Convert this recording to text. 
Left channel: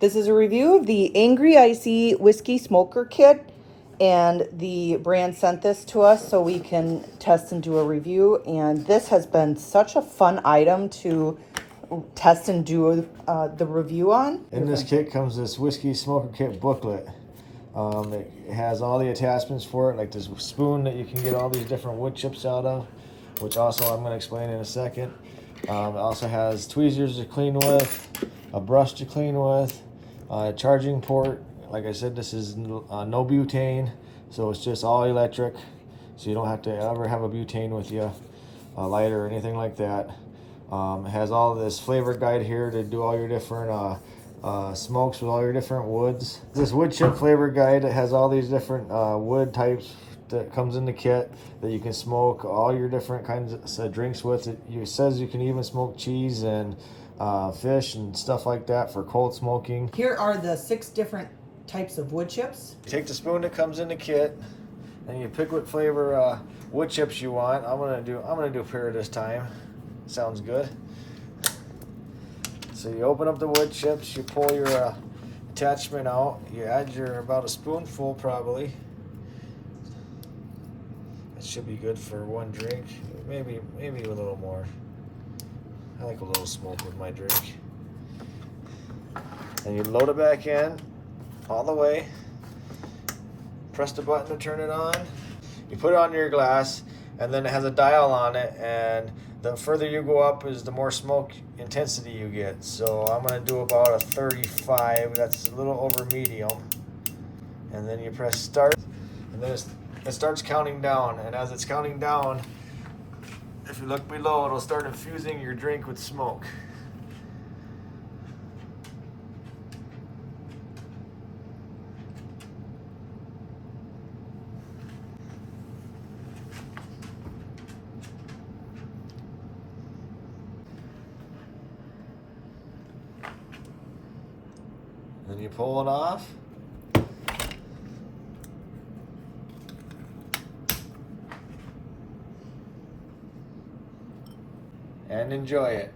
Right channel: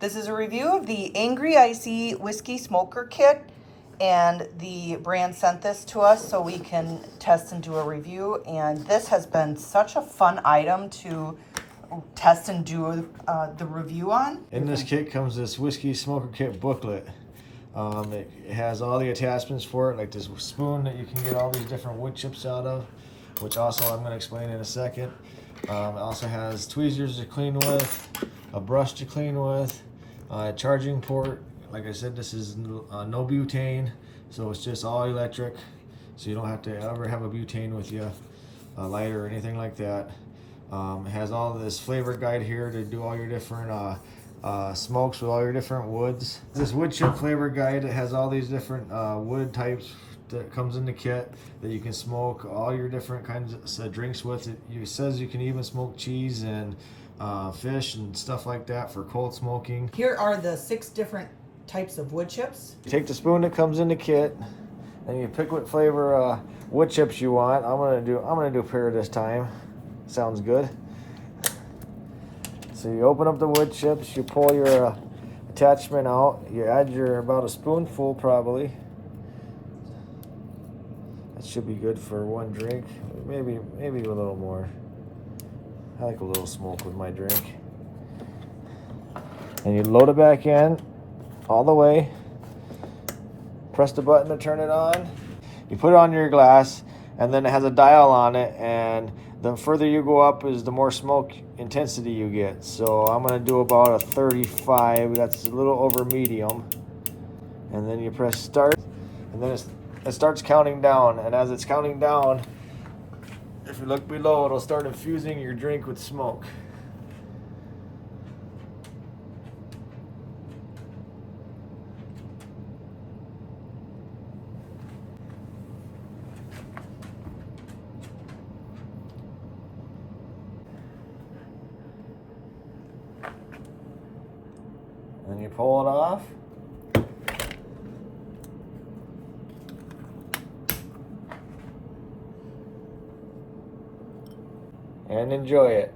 This is a review of the AngryIcy Whiskey Smoker Kit, and the brand sent this to us so we can test and do a review. And this has been such a fun item to test and do the review on. In this kit comes this Whiskey Smoker Kit booklet. It has all the attachments for it, like this spoon that you can get all these different wood chips out of, which also I'm going to explain in a second. It also has tweezers to clean with, a brush to clean with, a charging port. Like I said, this is no butane, so it's just all electric, so you don't have to ever have a butane with you, a lighter or anything like that. It has all this flavor guide here to do all your different smokes with all your different woods. This wood chip flavor guide, it has all these different wood types that comes in the kit that you can smoke all your different kinds of drinks with. It says you can even smoke cheese and fish and stuff like that for cold smoking. Here are the 6 different types of wood chips. You take the spoon that comes in the kit and you pick what flavor wood chips you want. I'm gonna do pear this time. Sounds good. So you open up the wood chips, you pull your attachment out, you add your about a spoonful probably. It should be good for one drink, maybe a little more. I like a little smoke with my drink. And you load it back in all the way. Press the button to turn it on. You put it on your glass, and then it has a dial on it, and the further you go up is the more smoke intensity you get. So I'm gonna do about a 35, that's a little over medium. And then you press start, and then it starts counting down. And as it's counting down, if you look below, it'll start infusing your drink with smoke. Then you pull it off. And enjoy it.